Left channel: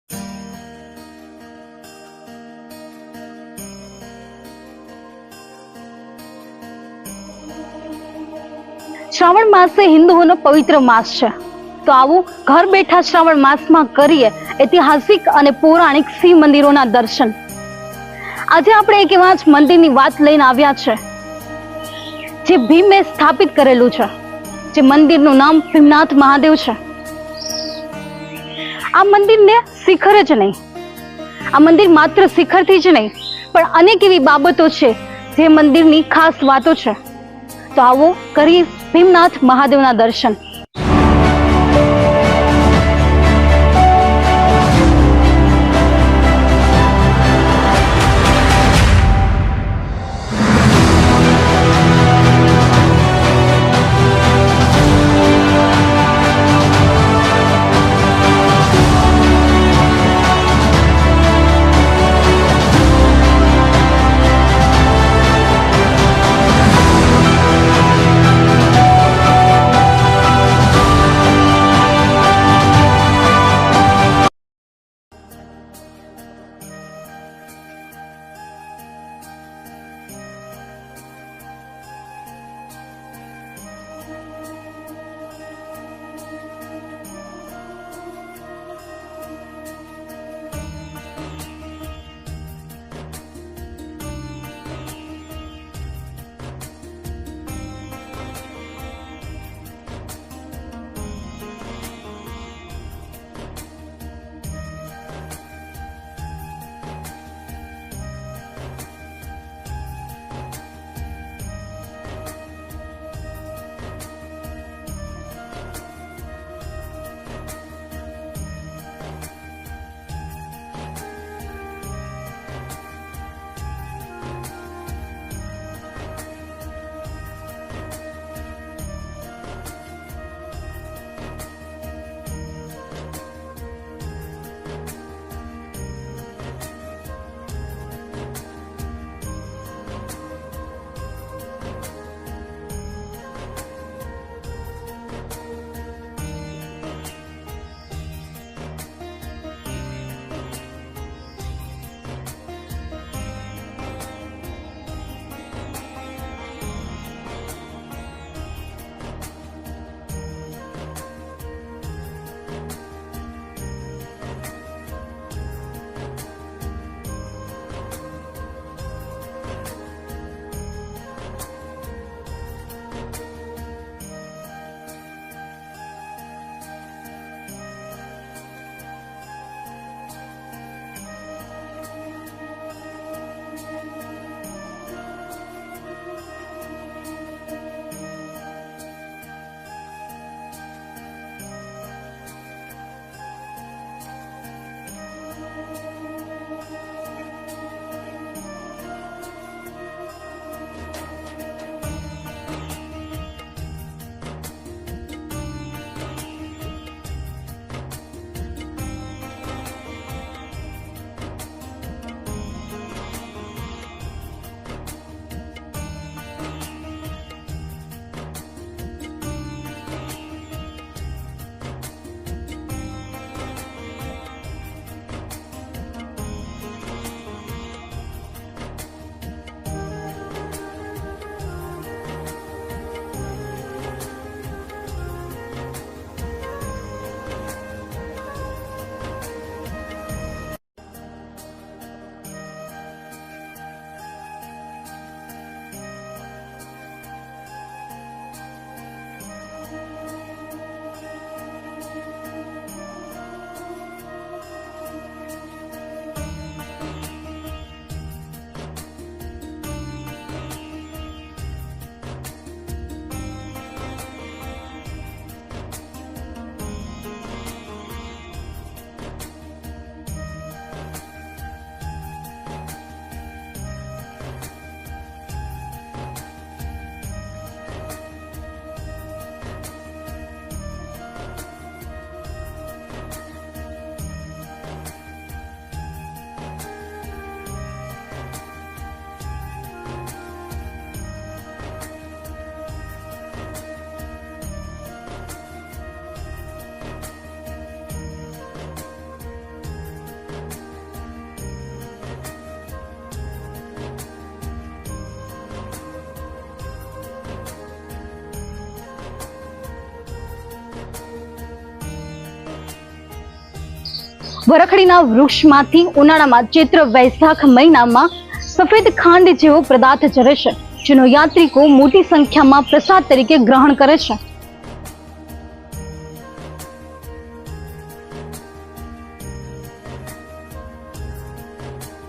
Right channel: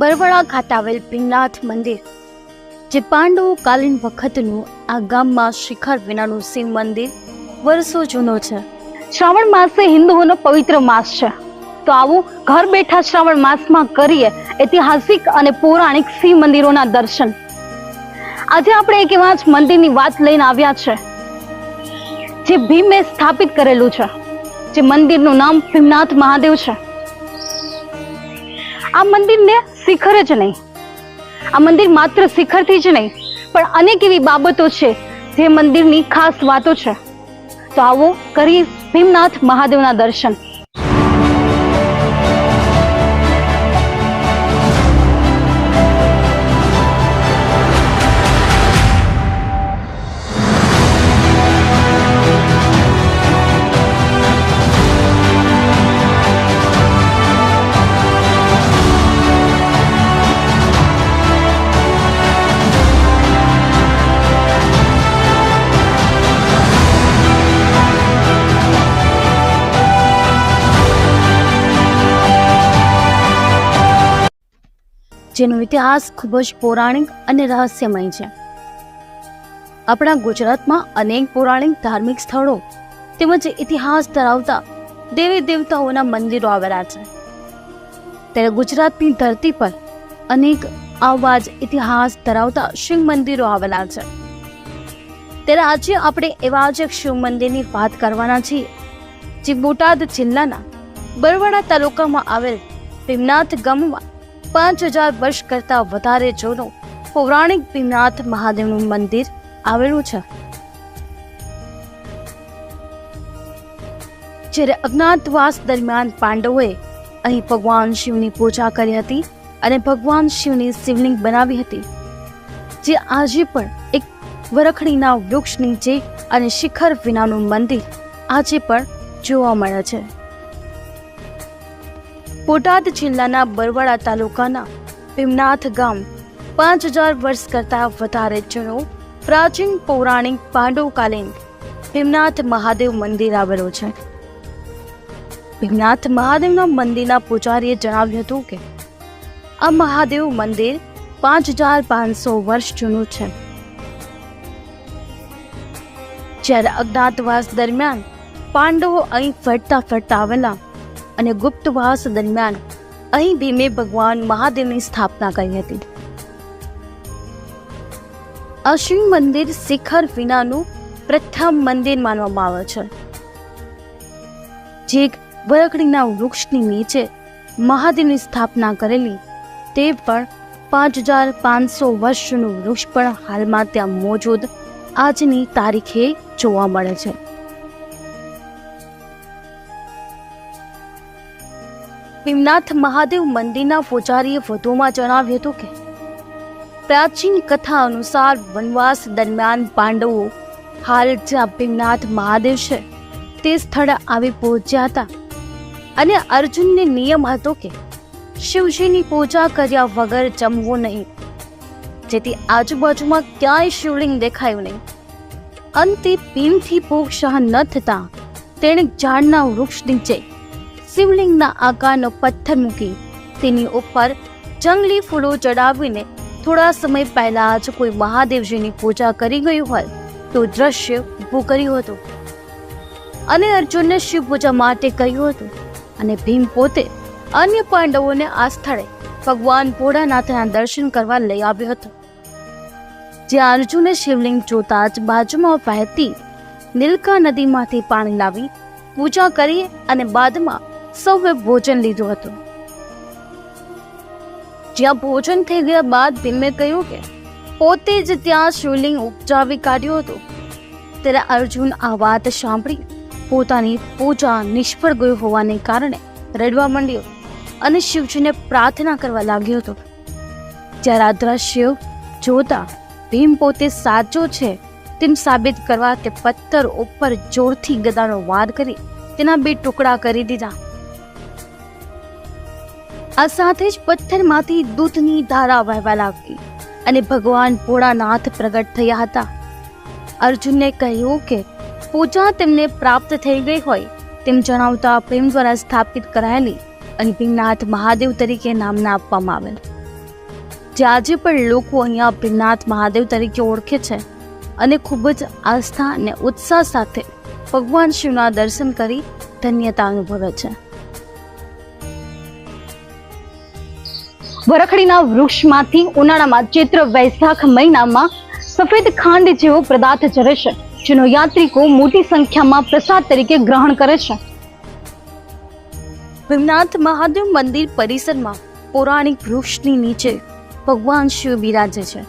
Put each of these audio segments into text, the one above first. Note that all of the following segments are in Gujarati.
બરવાડા ખાતે આવેલ ભીમનાથ મંદિર, જે પાંડવો કાલીન વખતનું આ ગામમાં શિખર વિનાનું શિવ મંદિર, વર્ષો જૂનો છે. શ્રાવણ માસ હિન્દુઓનો પવિત્ર માસ છે. તો આવું ઘર બેઠા શ્રાવણ માસમાં કરીએ ઐતિહાસિક અને પૌરાણિક શિવ મંદિરોના દર્શન. આજે આપણે એક એવા જ મંદિરની વાત લઈને આવ્યા છે, જે ભીમે સ્થાપિત કરેલું છે, જે મંદિરનું નામ ભીમનાથ મહાદેવ છે. આ મંદિરને શિખર જ નહીં. આ મંદિર માત્ર શિખરથી જ નહીં, પણ અનેક એવી બાબતો છે જે મંદિરની ખાસ વાતો છે. તો આવો કરીએ ભીમનાથ મહાદેવના દર્શન. જેનો ઇતિહાસ ખૂબ જ પૌરાણિક અને રહસ્યમય છે. આપણા ગુજરાતમાં અનેક પૌરાણિક ધાર્મિક સ્થળો તેમજ ઇતિહાસ ધરાવતા દેવી દેવતાઓના મંદિરો આવેલા છે. ત્યારે ગુજરાતની ધરતી પર અનેક આવા જ ઇતિહાસ ધરાવતા શિવ મંદિરો આવેલા છે. ત્યારે આજે આપણે એવા જ શિવ મંદિરની વાત કરવાના છીએ, જે બોટાદ જિલ્લાના બરવાડા તાલુકામાં આવેલ ભીમનાથ ગામમાં પાંચ હજાર વર્ષ કરતા વધારે જૂનું પૌરાણિક ભીમનાથ મહાદેવનું મંદિર આવેલું છે. જ્યારે અજ્ઞાતવાસ દરમિયાન પાંડવોએ અહીં ભગવાન શિવની પૂજા કરી હતી અને ભગવાન શિવની શિવલિંગ બનાવી હતી, જે આજે પણ એક વરખડીના વૃક્ષ નીચે અને શિખર વિનાનું મંદિર આજે પણ જોવા મળે છે. બોટાદ જિલ્લાના બરવાડા તાલુકાના ભીમનાથ ગામ પાંચ હજાર વર્ષ કરતા વધારે જૂનો પ્રાચીન પૌરાણિક પાંડવકાલીન ભીમનાથ મહાદેવ મંદિર આવેલું છે. ભીમનાથ મહાદેવના મંદિરના પૂજારીએ જણાવ્યું હતું કે, આ મહાદેવ મંદિર પાંચ હજાર પાંચસો વર્ષ જૂનું છે. જ્યારે અજ્ઞાતવાસ દરમિયાન પાંડવો અહીં ફરતા ફરતા આવેલા અને ગુપ્તવાસ દરમિયાન અહીં ભીમે ભગવાન મહાદેવની સ્થાપના કરી હતી. આ મંદિર શિખર વિનાનું પ્રથમ મંદિર માનવામાં આવે છે. જે એક વરકડીના વૃક્ષની નીચે મહાદેવની સ્થાપના કરેલી તે પણ પાંચ હજાર પાંચસો વર્ષનું વૃક્ષ પણ હાલમાં ત્યાં મોજૂદ આજની તારીખે જોવા મળે છે. ભીમનાથ મહાદેવ મંદિરના પૂજારીએ વધુમાં જણાવ્યું હતું કે, પ્રાચીન કથા અનુસાર વનવાસ દરમિયાન પાંડવો હાલ જ્યાં ભીમનાથ મહાદેવ છે, તે સ્થળે આવી પહોંચ્યા હતા. અને અર્જુનને નિયમ હતો કે, શિવજીની પૂજા કર્યા વગર જમવું નહીં. જેથી આજુબાજુમાં ક્યાંય શિવલિંગ દેખાયું નહીં. અંતે ભીમથી ભૂખ ન થતા તેણે ઝાડના વૃક્ષ નીચે શિવલિંગના આકારનો પથ્થર મૂકી તેની ઉપર જંગલી ફૂલો ચડાવીને થોડા સમય પહેલા જ કોઈ મહાદેવજીની પૂજા કરી ગયું હોય તો દ્રશ્ય ઊભું કર્યું હતું. અને અર્જુનને શિવ પૂજા માટે કહ્યું હતું અને ભીમ પોતે અન્ય પાંડવોને આ સ્થળે ભગવાન ભોળાનાથના દર્શન કરવા લઈ આવ્યો હતો. જ્યાં અર્જુને શિવલિંગ જોતા જ બાજુમાં વહેતી નીલકા નદીમાંથી પાણી લાવી પૂજા કરી અને બાદમાં સૌએ ભોજન લીધું હતું. જ્યાં ભોજન થઈ ગયા બાદ ભીમે કહ્યું કે, પોતે જ ત્યાં શિવલિંગ ઉપજાવી કાઢ્યો હતો. ત્યારે અર્જુન આ વાત સાંભળી પોતાની પૂજા નિષ્ફળ ગયું હોવાને કારણે રડવા માંડ્યો અને શિવજીને પ્રાર્થના કરવા લાગ્યો હતો. જ્યારે આ દ્રશ્ય જોતા ભીમ પોતે સાચો છે તેમ સાબિત કરવા તે પથ્થર ઉપર જોરથી ગદાનો વાર કરી તેના બે ટુકડા કરી દીધા. આ સાથે જ પથ્થરમાંથી દૂધની ધારા વહેવા લાગી અને ભગવાન ભોળાનાથ પ્રગટ થયા હતા. અર્જુનને કહ્યું કે, પૂજા તેમને પ્રાપ્ત થઈ ગઈ હોય તેમ જણાવતા પ્રેમ દ્વારા સ્થાપિત કરાયેલી અને ભીમનાથ મહાદેવ તરીકે નામના આપવામાં આવેલ. જે આજે પણ લોકો અહીંયા ભીમનાથ મહાદેવ તરીકે ઓળખે છે અને ખૂબ જ આસ્થા અને ઉત્સાહ સાથે ભગવાન શિવના દર્શન કરી ધન્યતા અનુભવે છે. વરખડીના વૃક્ષમાંથી ઉનાળામાં ચૈત્ર વૈશાખ મહિનામાં સફેદ ખાંડ જેવો પદાર્થ ઝરે છે, જેનો યાત્રિકો મોટી સંખ્યામાં પ્રસાદ તરીકે ગ્રહણ કરે છે. ભીમનાથ મહાદેવ મંદિર પરિસરમાં પૌરાણિક વૃક્ષની નીચે ભગવાન શિવ બિરાજે છે.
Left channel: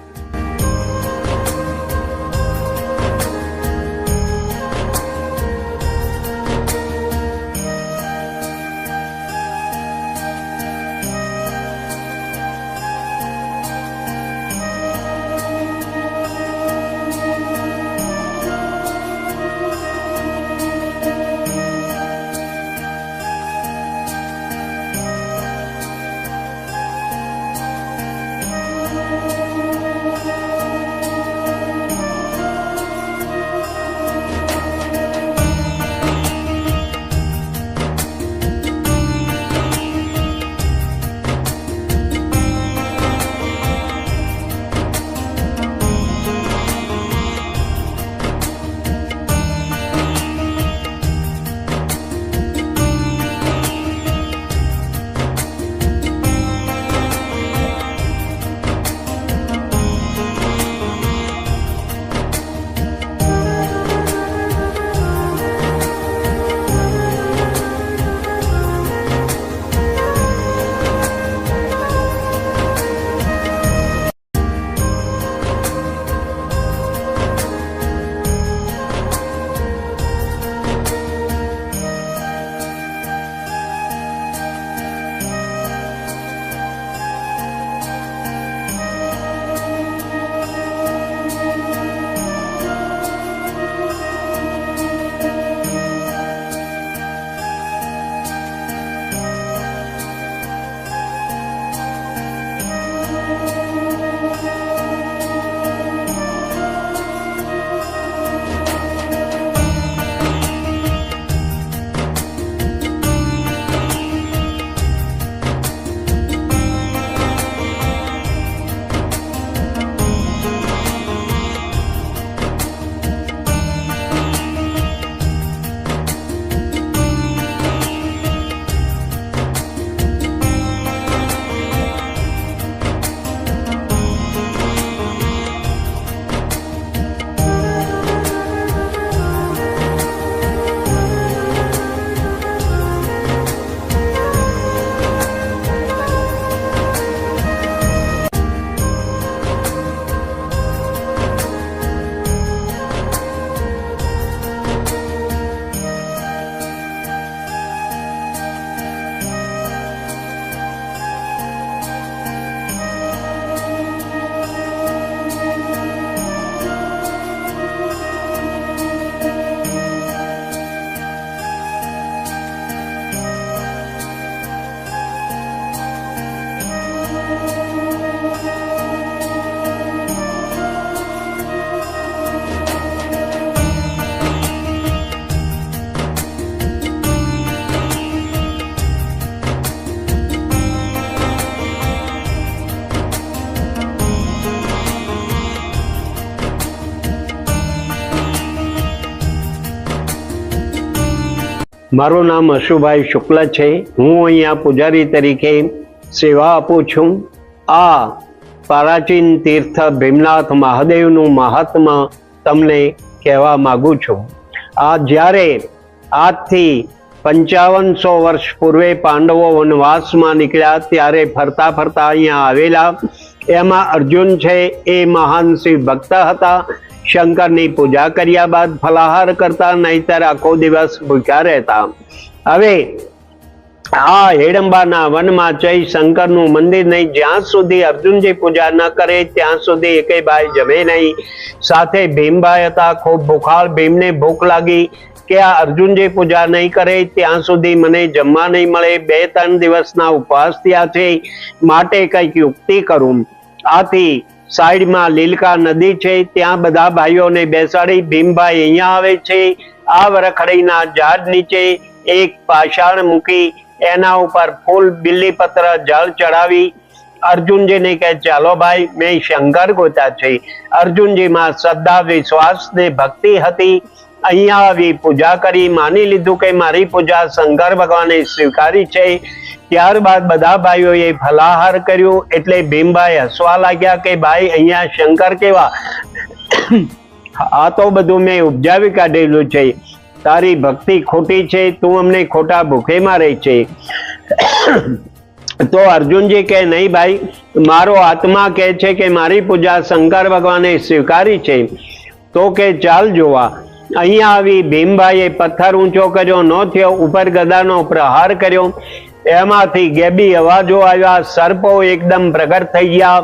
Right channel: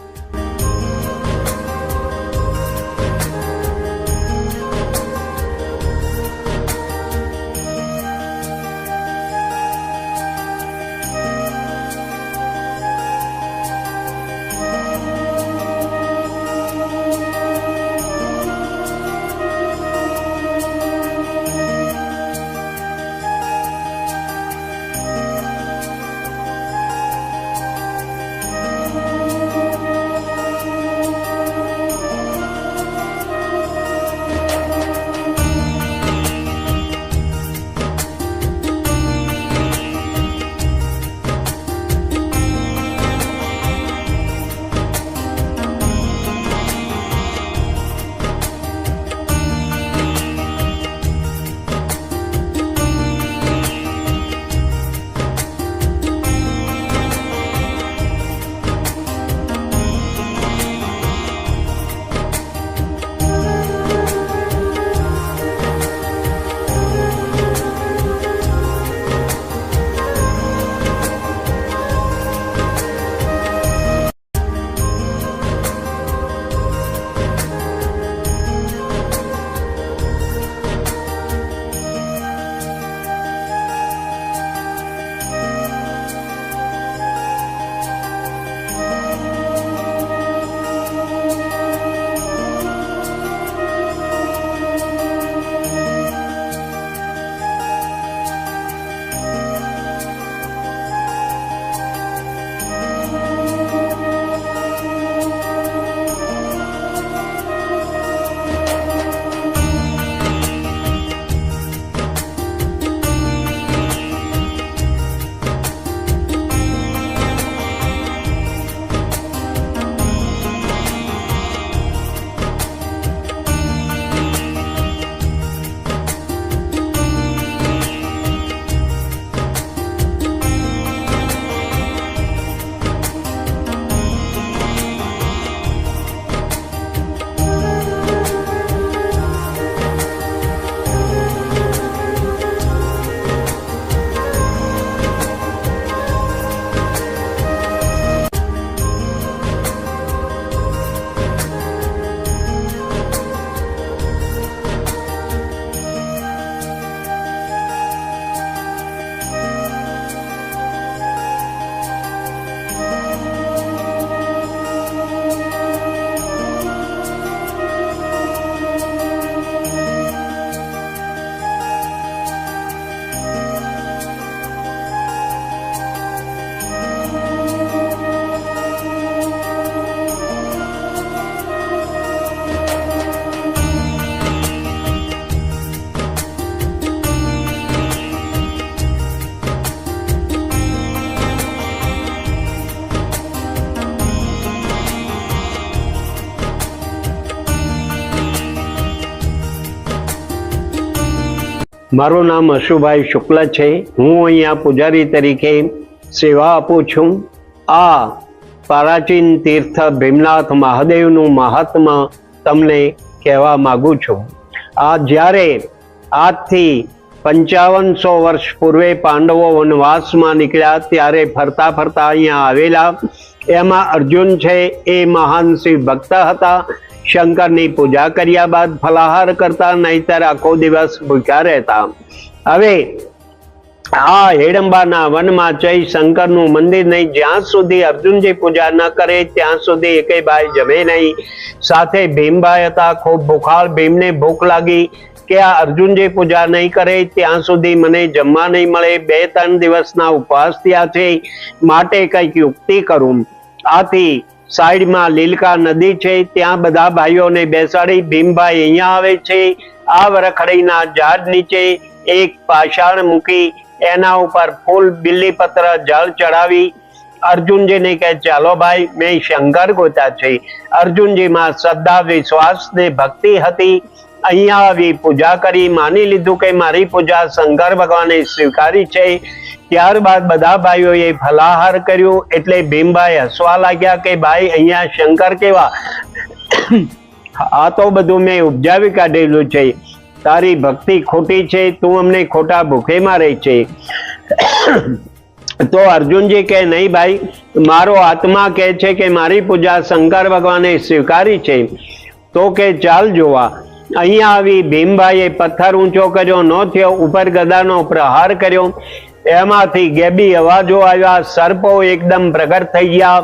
મારું નામ અશુભાઈ શુક્લ છે. હું અહીંયા પૂજારી તરીકે સેવા આપું છું. આ પ્રાચીન તીર્થ ભીમનાથ મહાદેવનું મહાત્મા તમને કહેવા માગું છું. આ જ્યારે આજથી પંચાવનસો વર્ષ પૂર્વે પાંડવો વનવાસમાં નીકળ્યા ત્યારે ફરતા ફરતા અહીંયા આવેલા. એમાં અર્જુન છે એ મહાન શિવ ભક્ત હતા. શંકરની પૂજા કર્યા બાદ ફલાહાર કરતા નહીતર આખો દિવસ ભૂખ્યા રહેતા. હવે આ હેડંબાના વનમાં જઈ શંકરનું મંદિર નહીં, જ્યાં સુધી અર્જુનજી પૂજા ન કરે, ત્યાં સુધી એકે ભાઈ જમે નહીં. સાથે ભીમભાઈ હતા, ખૂબ ભૂખાળ ભીમને ભૂખ લાગી કે આ અર્જુનજી પૂજા નહીં કરે, ત્યાં સુધી મને જમવા નહીં મળે. બે ત્રણ દિવસના ઉપવાસ થયા છે, માટે કંઈક યુક્તિ કરું. આથી સાઈડમાં લીલકા નદી છે, ત્યાં બધા ભાઈઓને બેસાડી ભીમભાઈ અહીંયા આવે છે, આ વરખડીના ઝાડ નીચે એક પાષાણ મૂકી એના ઉપર ફૂલ બિલ્લીપત્ર જળ ચડાવી અર્જુનજીને કહે, ચાલો ભાઈ, મેં શંકર ગોતા છે. અર્જુનજીમાં શ્રદ્ધા, વિશ્વાસ ને ભક્તિ હતી. અહીંયા આવી પૂજા કરી, માની લીધું કે મારી પૂજા શંકર ભગવાને સ્વીકારી છે. ત્યારબાદ બધા ભાઈઓએ ફલાહાર કર્યું એટલે ભીમભાઈ હસવા લાગ્યા કે ભાઈ, અહીંયા શંકર કેવા? આ તો બધું મેં ઉપજાવી કાઢેલું છે. તારી ભક્તિ ખોટી છે, તું અમને ખોટા ભૂખે મારે છે. તો અર્જુનજી કે, નહીં ભાઈ, મારો આત્મા કહે છે કે મારી પૂજા શંકર ભગવાને સ્વીકારી છે. તો કે, ચાલ જોવા. અહીંયા આવી ભીમભાઈએ પથ્થર ઊંચો કર્યો ન થયો ઉપર ગદાનો પ્રહાર કર્યો. એમાંથી ગેબી અવાજો આવ્યા, સર્પો એકદમ પ્રગટ થઈ ગયા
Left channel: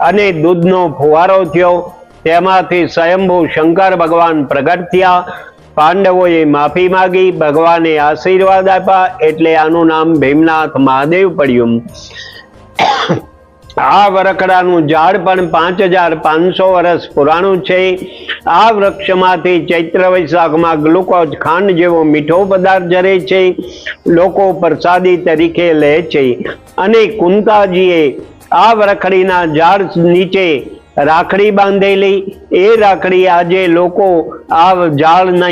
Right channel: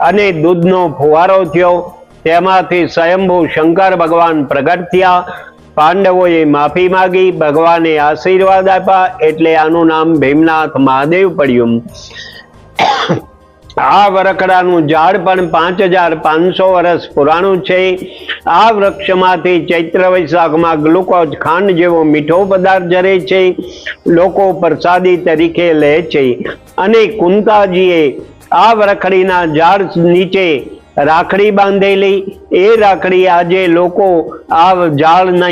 અને દૂધનો ફુવારો થયો. તેમાંથી સ્વયંભૂ શંકર ભગવાન પ્રગટ થયા. પાંડવોએ માફી માંગી, ભગવાને આશીર્વાદ આપ્યા, એટલે આનું નામ ભીમનાથ મહાદેવ પડ્યું. આ વરખડાનું ઝાડ પણ પાંચ હજાર પાંચસો વર્ષ પુરાણું છે. આ વૃક્ષમાંથી ચૈત્ર વૈશાખમાં ગ્લુકોઝ ખાંડ જેવો મીઠો પદાર્થ જરે છે. લોકો પ્રસાદી તરીકે લે છે. અને કુંતાજીએ આ વરખડીના ઝાડ નીચે રાખડી બાંધેલી. એ રાખડી આજે લોકો આ ઝાડને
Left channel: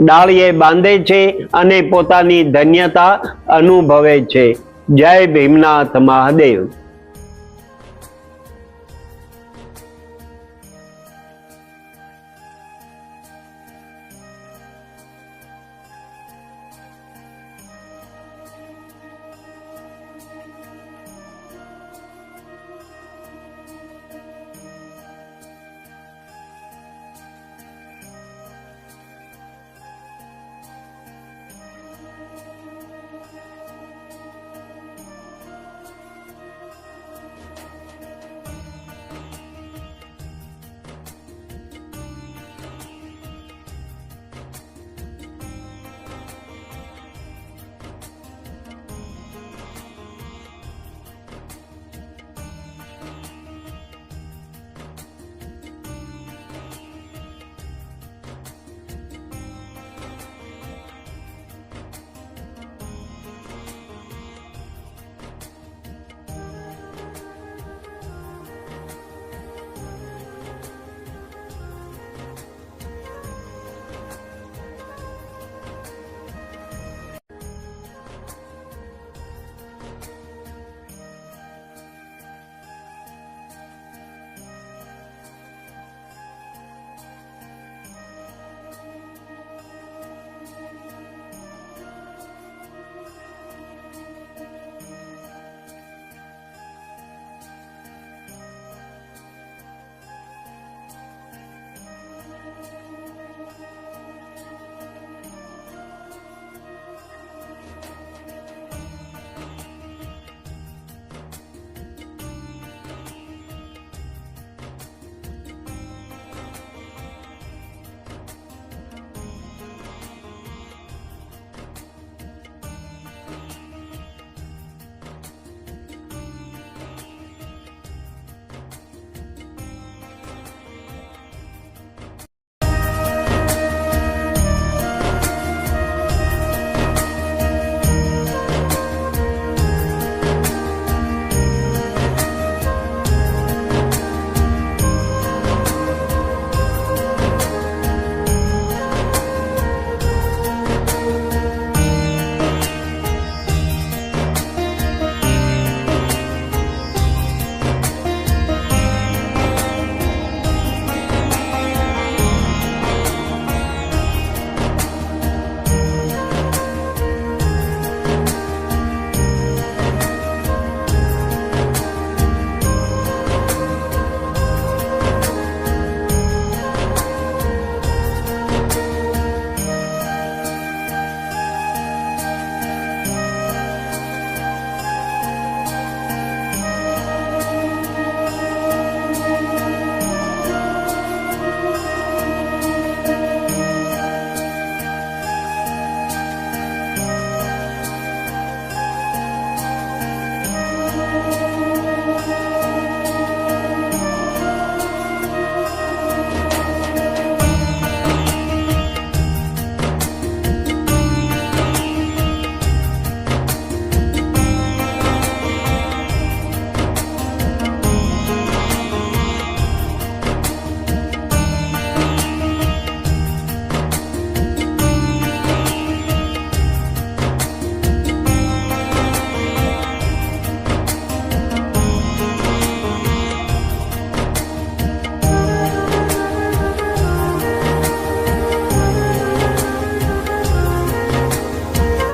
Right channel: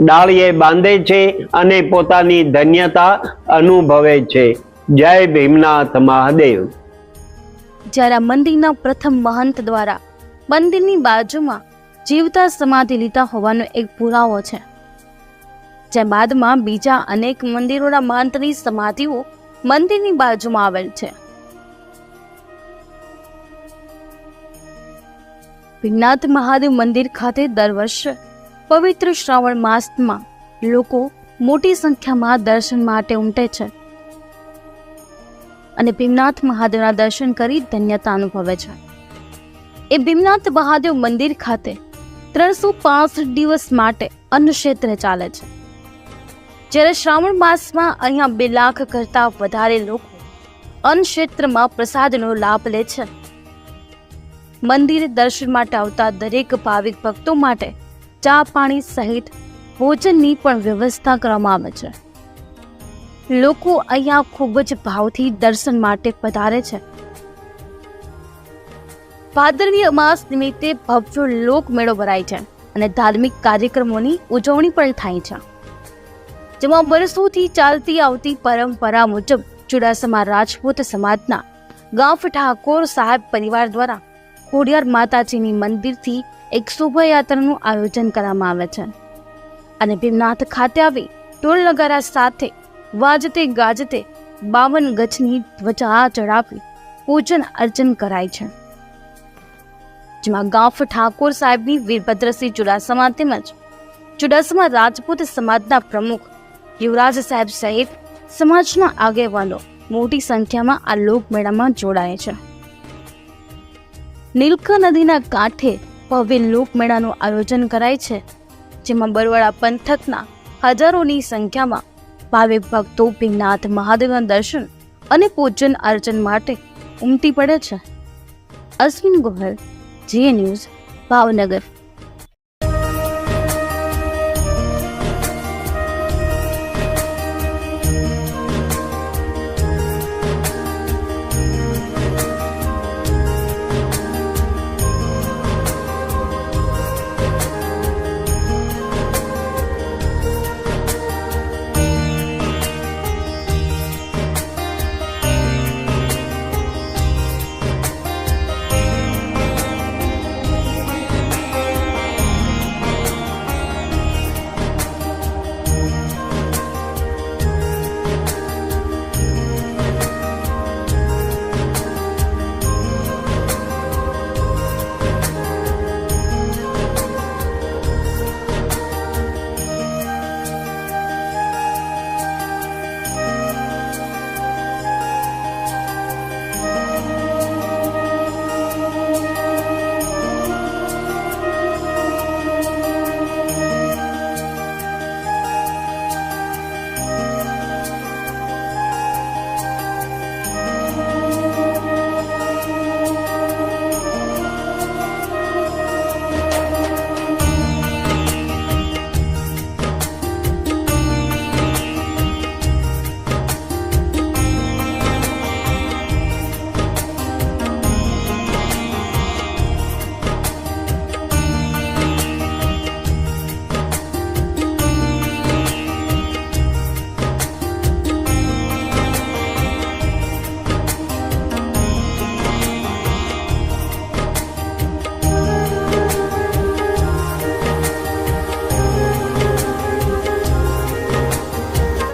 ડાળીએ બાંધે છે અને પોતાની ધન્યતા અનુભવે છે. જય ભીમનાથ મહાદેવ. જ્યારે મંદિરના પ્રથમ મહંત દ્વારા મંદિરની બાજુમાં જીવતા સમાધિ લીધા હોવાનો એક પુરાવો છે. જે બાદમાં બીજા અનેક મંદિરોના મહંતની સમાધિઓ મંદિરની બાજુમાં આવેલ છે. ભીમનાથ મહાદેવ મંદિર ખાતે દર વર્ષે પવિત્ર શ્રાવણ માસમાં લોકો મોટી સંખ્યામાં દર્શન માટે ઉમટે છે. અને ભીમનાથ મહાદેવના દર્શન કરી ધન્યતા અનુભવે છે. એ ભીમનાથ મહાદેવ મંદિર ખાતે ત્રણસો પાસઠ દિવસ માટે અન્ન ક્ષેત્ર ચાલે છે. જ્યારે શ્રાવણ માસમાં અહીંયા બે લાખ કરતા વધારે લોકો અન્ન ક્ષેત્રમાં પ્રસાદનો લાભ લે છે. મંદિરે દર્શન માટે આવતા દરેક ભાવિક ભક્તો માટે ચા પાણી સહિત ભોજનની પણ વ્યવસ્થા કરવામાં આવે છે. લોકો અહીંયા ખૂબ જ ભાવથી દર્શન માટે પધારે છે. ભાદરવી અમાસ નિમિત્તે ભવ્ય લોકમેળો ભરાય છે અને ધાર્મિક કાર્યક્રમોની ઉજવણી પણ થાય છે. જેમાં વર્ષોથી ચાલતી આવતી પરંપરા મુજબ ચુડાસમા રાજપૂત સમાજના ગાંફ ઠાકોર સાહેબ પરિવાર દ્વારા ખોડિયાર માતાજીની મંદિરથી એક શોભાયાત્રાનું આયોજન કરવામાં આવે છે. અને ભીમનાથ ખાતે આવી ટોલ નગારા સાથે વાજતે ગાજતે બાવન ગજની ધ્વજા ચડાવી પૂજન અર્ચન કરાય છે. જેમાં ગાંફ ઠાકોર સાહેબની વીરભદ્રસિંહ ચુડાસમા તેમજ ચુડાસમા રાજપૂત સમાજના પ્રમુખ યુવરાજ સાહેબ સહિત સમાજના આગેવાનો મોટી સંખ્યામાં આ લોકમેળામાં જોડાય છે. નીલકા નદીના કાંઠે ભવ્ય લોકમેળાનું આયોજન કરાય છે, જેમાં બરવાડા પંથકના હજારોની સંખ્યામાં ભાવિક ભક્તો ભીમનાથ મહાદેવના દર્શન અને પૂજન અર્ચન માટે ઉમટી પડે છે. અશ્વિન ગોહલ જીએ ન્યૂઝ ભાવનગર.